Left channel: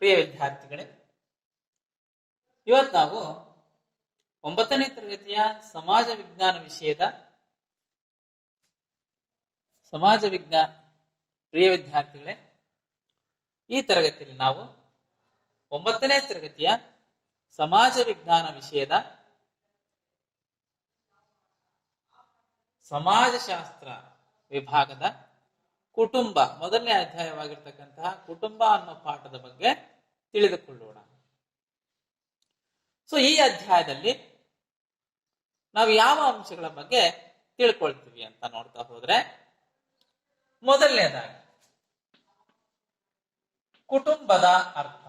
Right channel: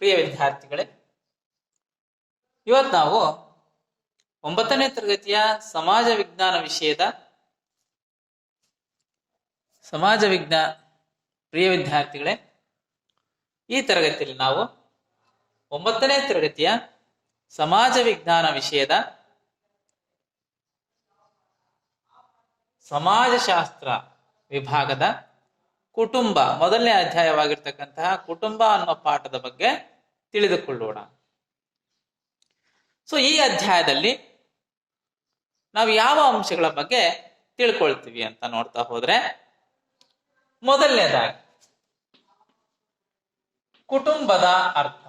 ಪ್ರಿಯ ವಿದ್ಯಾರ್ಥಿಗಳೇ, ಇವತ್ತು ನಾವು 9ನೇ ತರಗತಿಯ ಸಮಾಜ ವಿಜ್ಞಾನ ವಿಷಯದ ಪ್ರಿಯ ವಿದ್ಯಾರ್ಥಿಗಳೇ, ಈ ತರಗತಿಯಲ್ಲಿ ನಾವು 9ನೇ ತರಗತಿಯ ಸಮಾಜ ವಿಜ್ಞಾನ ವಿಷಯದ ಸಮಾಜಶಾಸ್ತ್ರ ವಿಭಾಗದ ಕುಟುಂಬ ಮೊದಲನೇ ಅಧ್ಯಾಯವಾಗಿರ್ತಕ್ಕಂತಹ ಕುಟುಂಬ ಅನ್ನೋ ಪಾಠದ ಬಗ್ಗೆ ತಿಳಿದುಕೊಳ್ಳೋಣ. ಸೊ ಈ ಅಧ್ಯಾಯದಲ್ಲಿ ನಾವು ಯಾವ ಅಂಶಗಳ ಬಗ್ಗೆ ತಿಳ್ಕೊಳ್ತೀವಿ ಅಂತ ನೋಡ್ತಾ ಹೋದ್ರೆ, ಮೊದಲನೇದಾಗಿ ಕುಟುಂಬದ ಅರ್ಥ.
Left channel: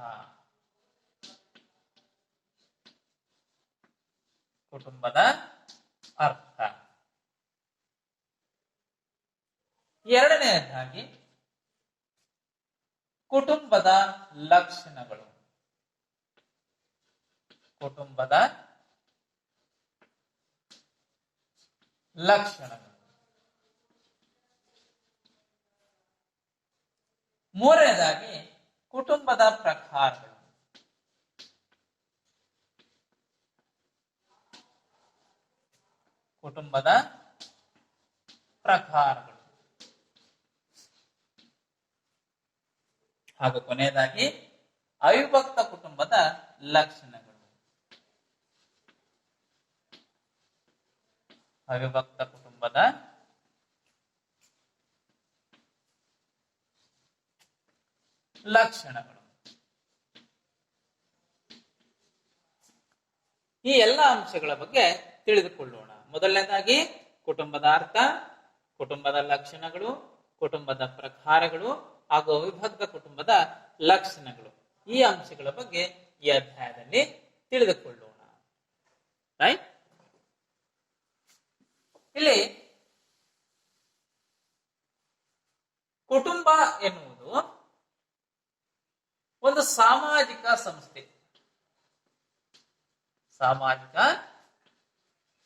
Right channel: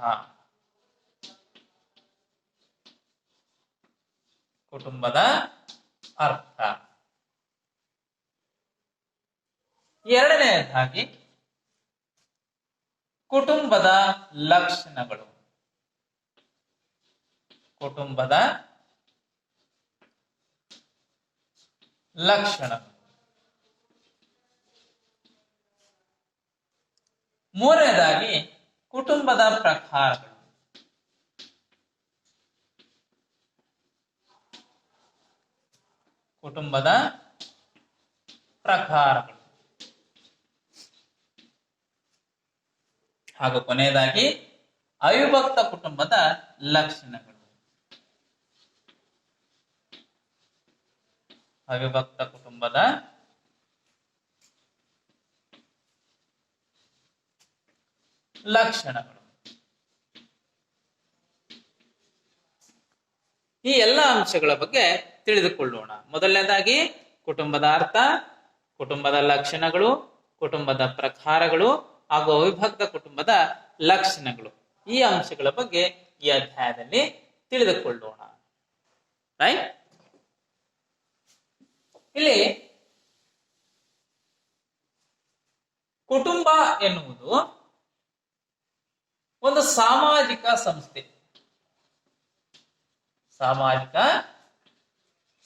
ಕುಟುಂಬದ ಅರ್ಥ. ಎರಡನೆಯದಾಗಿ ಕುಟುಂಬದ ಲಕ್ಷಣಗಳು. ಕುಟುಂಬದ ಲಕ್ಷಣಗಳು. ಮೂರನೇದಾಗಿ ಕುಟುಂಬದ ಪ್ರಕಾರಗಳು. ಕುಟುಂಬದ ಪ್ರಕಾರಗಳು. ಹಾಗೂ ಕೊನೆಯದಾಗಿ ಅವಿಭಕ್ತ ಕುಟುಂಬದ ಲಕ್ಷಣಗಳು. ಅವಿಭಕ್ತ ಕುಟುಂಬದ ಲಕ್ಷಣಗಳು. ಈ ಎಲ್ಲ ಅಂಶಗಳ ಬಗ್ಗೆ ತಿಳಿದುಕೊಳ್ಳೋಣ. ಮೊದಲನೇದಾಗಿ ಕುಟುಂಬದ ಅರ್ಥ, ಕುಟುಂಬದ ಲಕ್ಷಣಗಳು, ಕುಟುಂಬದ ಪ್ರಕಾರಗಳು ಹಾಗೂ ಅವಿಭಕ್ತ ಕುಟುಂಬದ ಲಕ್ಷಣಗಳು. ಈ ಅಂಶಗಳ ಬಗ್ಗೆ ಈ ಅಧ್ಯಾಯದಲ್ಲಿ ತಿಳಿದುಕೊಳ್ಳೋಣ. ರೈಟ್? ಇಲ್ಲಿ ಕುಟುಂಬ ಎನ್ನುವುದು ಒಂದು ಸಾಮಾಜಿಕ ಸಂಸ್ಥೆ. ಸಾಮಾಜಿಕ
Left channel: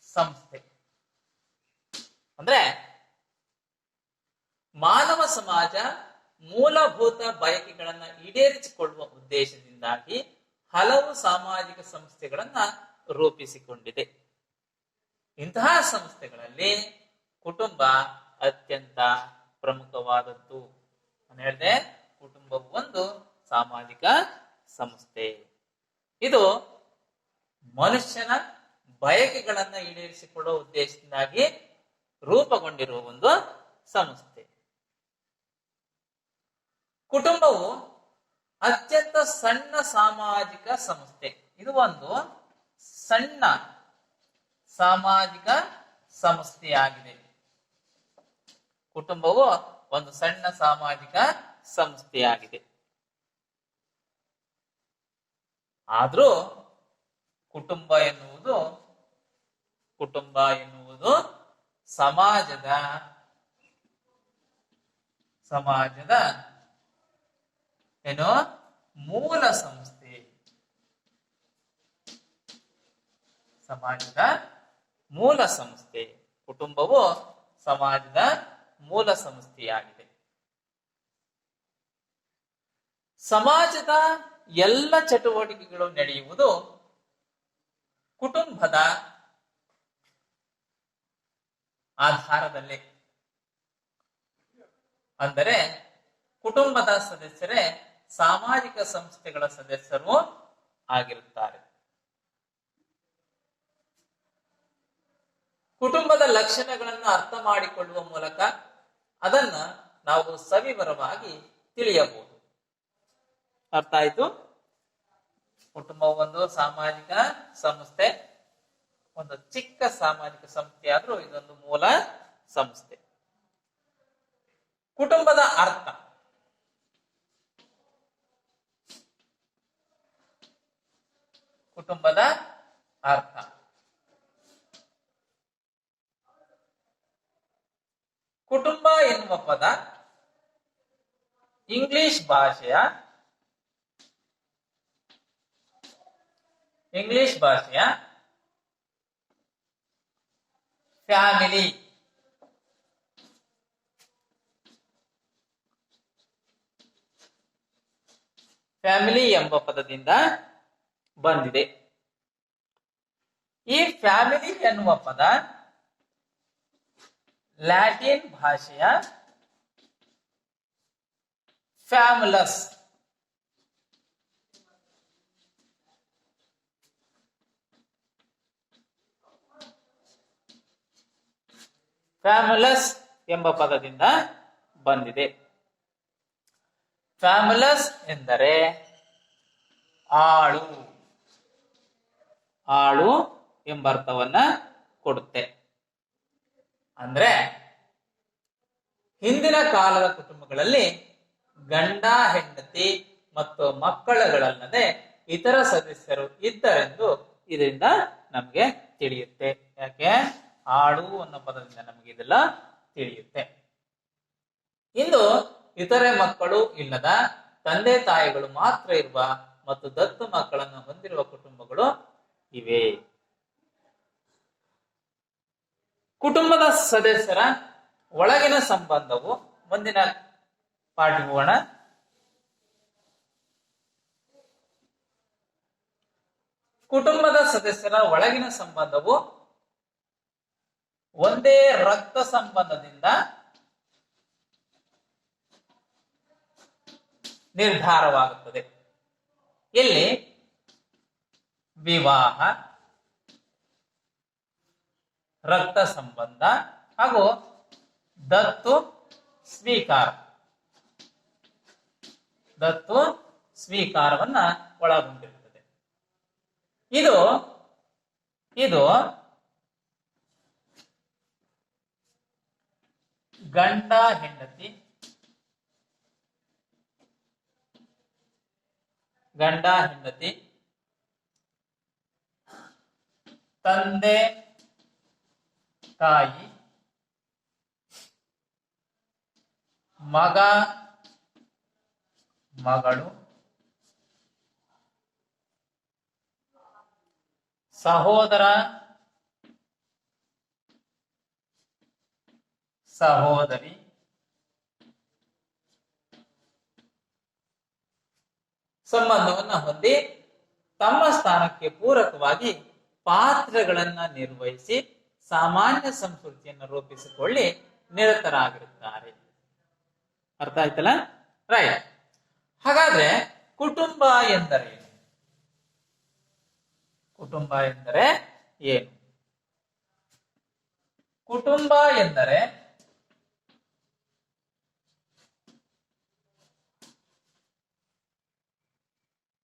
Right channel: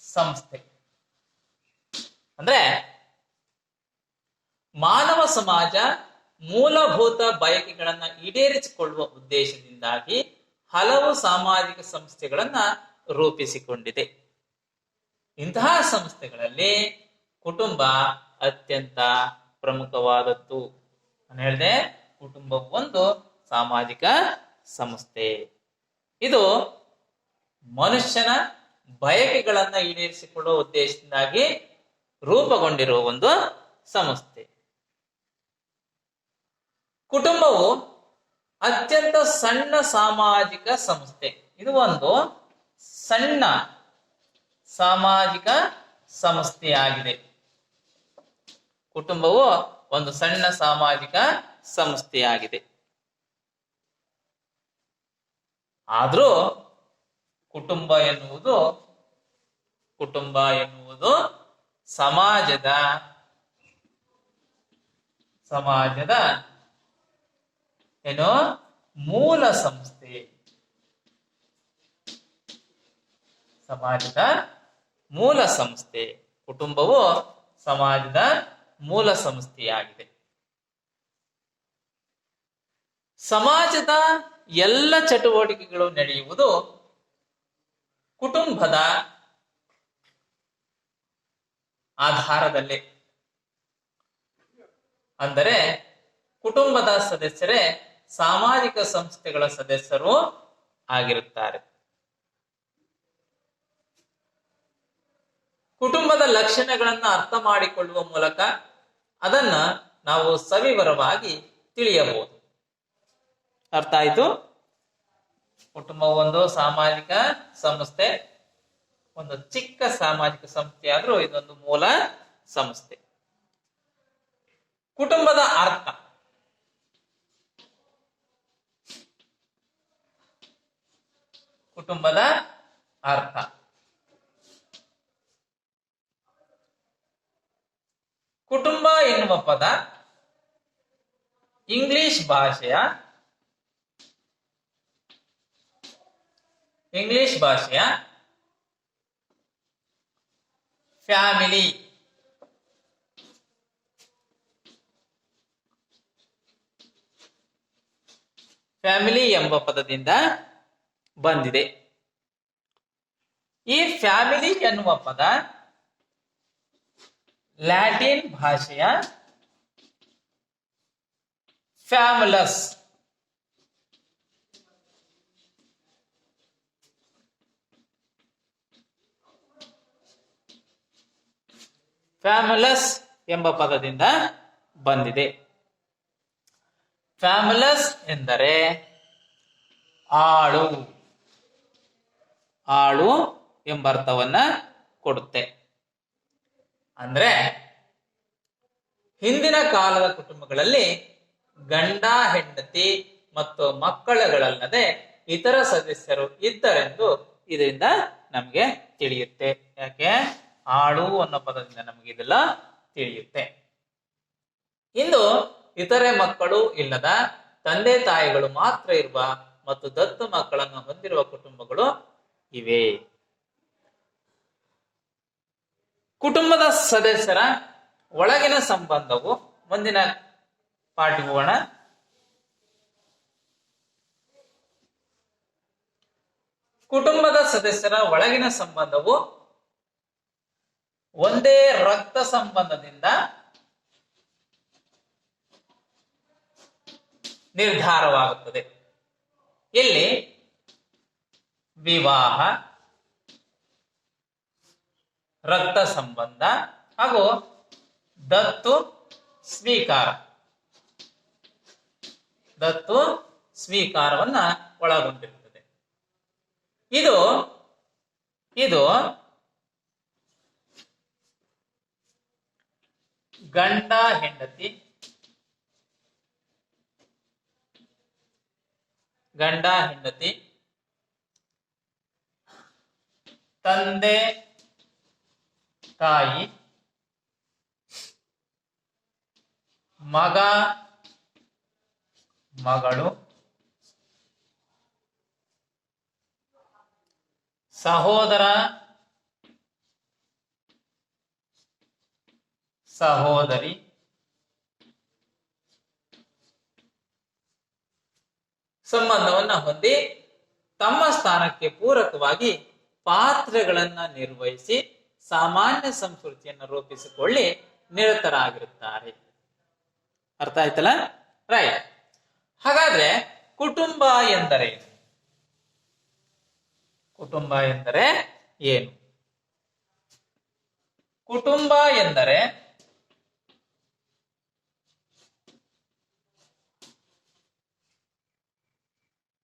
ಸಂಸ್ಥೆ ಅಂದ್ರೆ ಮಾನವ ಸಮಾಜ ಮೂಲಭೂತ ಬಯಕೆಗಳನ್ನ ಈಡೇರಿಸಿಕೊಳ್ಳುವ ಉದ್ದೇಶದಿಂದಾಗಿ ಹಲವು ಸಾಮಾಜಿಕ ಸಂಸ್ಥೆಗಳನ್ನ ರೂಪಿಸಿಕೊಂಡಿದೆ. ಇಂತಹ ಸಂಸ್ಥೆಗಳಲ್ಲಿ ಕುಟುಂಬ ಅತ್ಯಂತ ಪ್ರಮುಖವಾದದ್ದು. ನಾನು ಹೇಳಿದೆ, ಕುಟುಂಬವು ಒಂದು ಸಾಮಾಜಿಕ ಸಂಸ್ಥೆ. ಇದು ಮನುಷ್ಯನ ಬಯಕೆಗಳನ್ನ ಈಡೇರಿಸಿಕೊಳ್ಳುವ ಉದ್ದೇಶದಿಂದಾಗಿ ರೂಪುಗೊಂಡಿರುವ ಒಂದು ಸಂಸ್ಥೆ. ಕುಟುಂಬವು ಅತ್ಯಂತ ಸಣ್ಣ ಸಾಮಾಜಿಕ ಸಂಸ್ಥೆ. ಇದು ಒಂದು ಸಣ್ಣ ಸಾಮಾಜಿಕ ಸಂಸ್ಥೆಯಾಗಿದೆ. ಕುಟುಂಬವು ಒಂದು ಸಣ್ಣ ಸಾಮಾಜಿಕ ಸಂಸ್ಥೆಯಾಗಿದೆ. ಆದ್ರೂ ಕುಟುಂಬ ಎನ್ನುವುದು ಸಮಾಜದ ಏನು ಮೂಲ ಸಂಸ್ಥೆ. ಸಮಾಜದ ಮೂಲ ಸಂಸ್ಥೆ. ಕುಟುಂಬವು ಸಮಾಜದ ಮೂಲ ಸಂಸ್ಥೆಯಾಗಿದೆ. ಸಮಾಜದ ಎಲ್ಲ ಚಟುವಟಿಕೆಗಳು ನಡೆಯುವುದು ಕುಟುಂಬದ ಆಧಾರದಲ್ಲೇ. ಅಂದರೆ ಕುಟುಂಬದ ಸದಸ್ಯರೇ ಸಾಮಾಜಿಕ ಸಂಸ್ಥೆಗಳ ಸದಸ್ಯರು ಆಗಿರುತ್ತಾರೆ. ಕುಟುಂಬದ ಲಕ್ಷಣಗಳನ್ನ ಅರ್ಥ ಮಾಡಿಕೊಳ್ಳುವ ಮೂಲಕ ಅದನ್ನ ನಾವು ಸವಿವರವಾಗಿ ತಿಳಿಯಬಹುದು. ಅರ್ಥ ಆಯ್ತು? ಕುಟುಂಬವು ಒಂದು ಸಾಮಾಜಿಕ ಸಂಸ್ಥೆ, ಒಂದು ಚಿಕ್ಕ ಸಾಮಾಜಿಕ ಸಂಸ್ಥೆ ಆದ್ರೂ ಇದೊಂದು ಮೂಲ ಸಂಸ್ಥೆ. ಕುಟುಂಬದ ಅರ್ಥ. ಕುಟುಂಬದ ಅರ್ಥ. ಕುಟುಂಬ ಎನ್ನುವ ಪದ ಇಂಗ್ಲಿಷ್ ಭಾಷೆಯ ಫ್ಯಾಮಿಲಿ ಫ್ಯಾಮಿಲಿ ಎಂಬ ಪದದಿಂದ ಬಂದಿದೆ. ಈ ಫ್ಯಾಮಿಲಿ ಎನ್ನುವ ಪದ ಲ್ಯಾಟಿನ್ ಭಾಷೆಯ ಫ್ಯಾಮುಲಸ್ ಫ್ಯಾಮುಲಸ್ ಎಂಬ ಪದದಿಂದ ಬಂದಿದೆ. ಫ್ಯಾಮುಲಸ್ ಎಂದರೆ ಆಳು, ಆಳು ಎಂಬ ಅರ್ಥವನ್ನ ಕೊಡುತ್ತೆ. ಅಂದ್ರೆ ಹಿಂದಿನ ಕಾಲದ ಕುಟುಂಬಗಳಲ್ಲಿ ಗಂಡ ಹೆಂಡತಿ ಮತ್ತು ಮಕ್ಕಳುಗಳಲ್ಲದೆ ಇತರ ಸದಸ್ಯರು ಇದ್ದರೆಂದು ಇದರಿಂದ ನಮಗೆ ತಿಳಿಯುತ್ತೆ. ಯಾಕೆ? ಆಳು ಅನ್ನೋ ಪದದಿಂದ ನಮಗೆ ಇದೆಲ್ಲ ತಿಳಿಯುತ್ತೆ. ಇಂದು ಇತರೆ ಮಕ್ಕಳು ಇಲ್ಲದ ತಂದೆ ತಾಯಿಗಳು ಮಾತ್ರ ಇರುವ ಮತ್ತು ದತ್ತು ಮಕ್ಕಳನ್ನು ಹೊಂದಿರುವ ಕುಟುಂಬಗಳು ಇವೆ. ಕುಟುಂಬದ ಸದಸ್ಯರ ಒಳಗಿನ ಸಂಬಂಧವು ಮುಂದಿನ ಪಾಠಕ್ಕೆ ಹೋಗೋಣ. ಕುಟುಂಬದ ಸದಸ್ಯರ ಒಳಗಿನ ಸಂಬಂಧವು ಒಂದೇ ರಕ್ತ ಸಂಬಂಧದಿಂದ ನಿರ್ಧಾರವಾಗುತ್ತದೆ. ಇಲ್ಲಿ ವಿವಾಹ, ರಕ್ತ ಸಂಬಂಧ ಹಾಗೂ ದತ್ತು ಸ್ವೀಕಾರ, ದತ್ತು ಸ್ವೀಕಾರವನ್ನ ಒಳಗೊಂಡಿರುತ್ತದೆ. ಇದು ಗಂಡ ಹೆಂಡತಿ, ತಂದೆ ತಾಯಿ, ಮಗ ಮಗಳು, ಸಹೋದರ ಸಹೋದರಿ, ಸಂಬಂಧವನ್ನ ಹೊಂದಿ ತಮ್ಮ ಸ್ಥಾನಕ್ಕೆ ಪೂರಕವಾಗಿ ಪಾತ್ರಗಳನ್ನ ನಿರ್ವಹಿಸಿ ಸಾಮಾನ್ಯ ಸಂಸ್ಕೃತಿಯನ್ನು ರೂಪಿಸಿಕೊಳ್ಳಿ ನಿರತರಾಗಿರುತ್ತಾರೆ. ಅರ್ಥ ಆಯ್ತಲ್ಲ? ರೈಟ್. ಹಾಗಾದ್ರೆ ಕುಟುಂಬ ಎಂದರೆ ಏನು? ಕುಟುಂಬ ಎಂದರೆ ಏನು?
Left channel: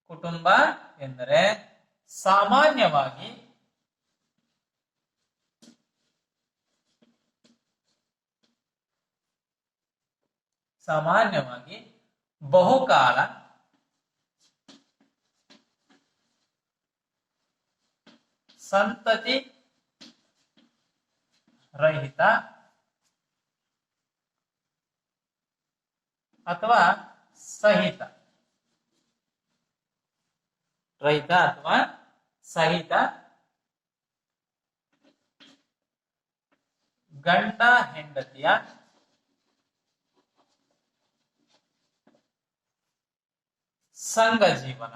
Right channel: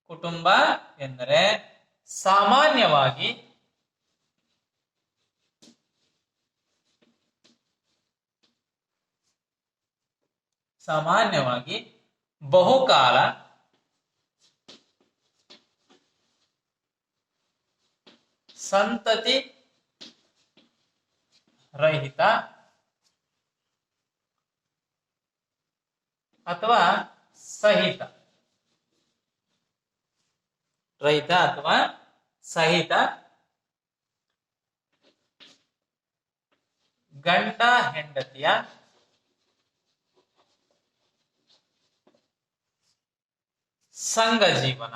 ಕುಟುಂಬ ಎಂದರೆ ಸಾಮಾನ್ಯವಾಗಿ ಬಹುಕಾಲ ಸಂತತಿ ರಹಿತ ಅಥವಾ ಸಹಿತ ಗಂಡ ಹೆಂಡತಿಯ ಸಂಘ ಜೀವನ.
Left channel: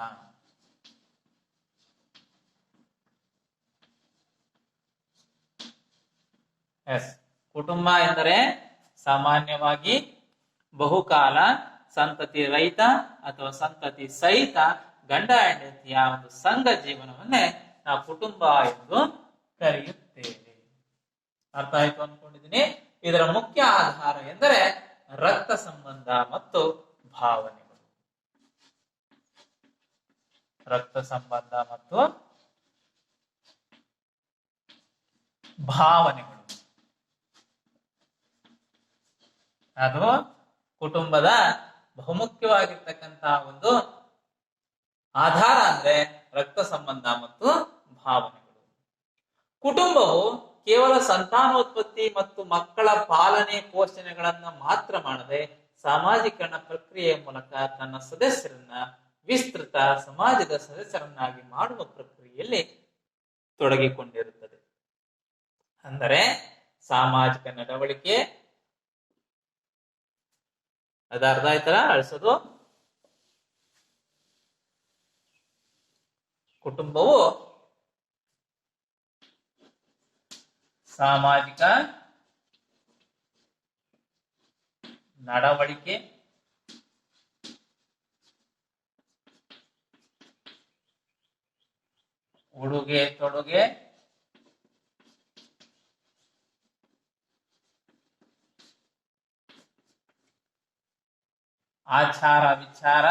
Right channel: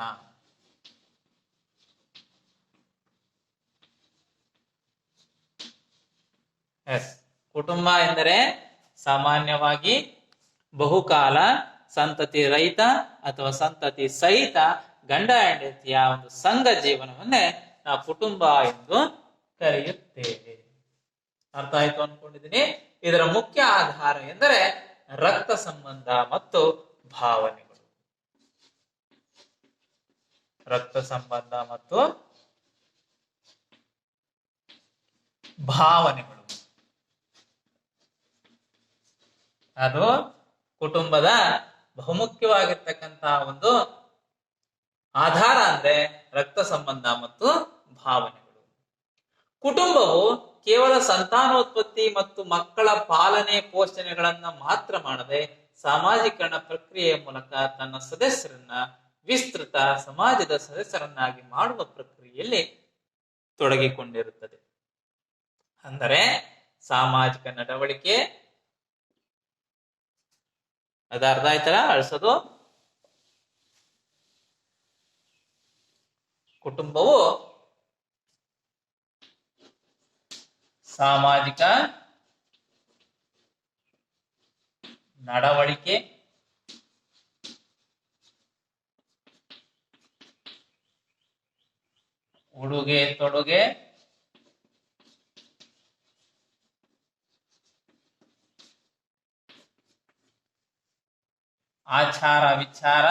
ಕುಟುಂಬ ಎಂದರೆ ಸಾಮಾನ್ಯವಾಗಿ ಬಹುಕಾಲ ಸಂತತಿ ರಹಿತ ಅಥವಾ ಸಂತತಿ ಸಹಿತ ಗಂಡ ಹೆಂಡತಿಯ ಒಂದು ಸಂಘ ಜೀವನವನ್ನೇ ನಾವು ಕುಟುಂಬ ಎಂದು ಕರೆಯುತ್ತೇವೆ. ಅರ್ಥ ಆಯ್ತು ಅನ್ಕೊಂಡಿದ್ದೀನಿ. ಇದರ ಮುಖ್ಯ ಆಧಾರ ಎಂದರೆ ರಕ್ತ ಸಂಬಂಧ ಮತ್ತು ಭಾವನೆಗಳು. ರಕ್ತ ಸಂಬಂಧ ಮತ್ತು ಭಾವನೆಗಳು ಅದು ಕುಟುಂಬದ ಬಹುಮುಖ್ಯವಾಗಿರ್ತಕ್ಕಂತಹ ಒಂದು ಆಧಾರ ಅಂದ್ರೆ ರಕ್ತ ಸಂಬಂಧ ಮತ್ತು ಭಾವನೆಗಳು. ಕುಟುಂಬವು ಕೇವಲ ಸಂತಾನೋತ್ಪತ್ತಿ ಮತ್ತು ಮಕ್ಕಳ ಪಾಲನೆ ಪೋಷಣೆಗಳನ್ನ ಮಾತ್ರ ಮಾಡದೆ ಸಾಮಾಜೀಕರಣ ಪ್ರಕ್ರಿಯೆಯ ಮೂಲಕ ತನ್ನ ಸದಸ್ಯರನ್ನ ವಿಸ್ತೃತ ಸಮಾಜದ ಸದಸ್ಯರನ್ನಾಗಿ ಮಾಡುವ ಪ್ರಕ್ರಿಯೆಯಲ್ಲಿ ತೊಡಗಿಕೊಂಡಿರುತ್ತದೆ. ಅಂದರೆ ಸಾಮಾಜಿಕ ನಡವಳಿಕೆ, ಅದು ಅರ್ಥ ಆಯ್ತಲ್ಲ? ಅಳಿಸೋದು ಕುಟುಂಬವು ಸಾಮಾಜಿಕ ನಡವಳಿಕೆ, ಉಡುಗೆ ತೊಡುಗೆ, ಆಚಾರ ವಿಚಾರ,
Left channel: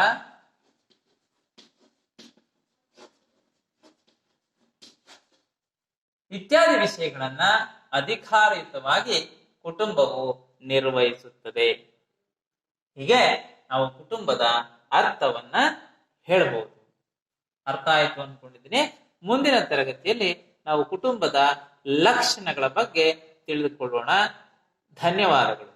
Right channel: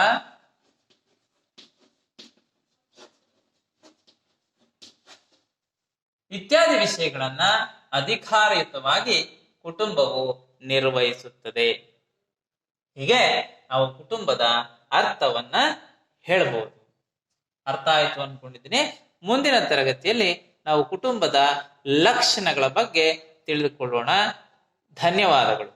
ಇತ್ಯಾದಿ ವಿಷಯಗಳನ್ನ ಅಧಿಕಾರಯುತವಾಗಿ ಕುಟುಂಬವು ನಿರ್ವಹಿಸುತ್ತದೆ. ಹೀಗೆ ನಾವು ಕುಟುಂಬದ ಅರ್ಥವನ್ನ ಹೇಳಬಹುದು. ಅರ್ಥ ಆಯ್ತು ಅನ್ಕೊಂಡಿದ್ದೀನಿ. ಮುಂದಿನ ತರಗತಿಯಲ್ಲಿ ನಾವು ಕುಟುಂಬದ ಲಕ್ಷಣಗಳ ಬಗ್ಗೆ ತಿಳಿದುಕೊಳ್ಳೋಣ. ಧನ್ಯವಾದಗಳು.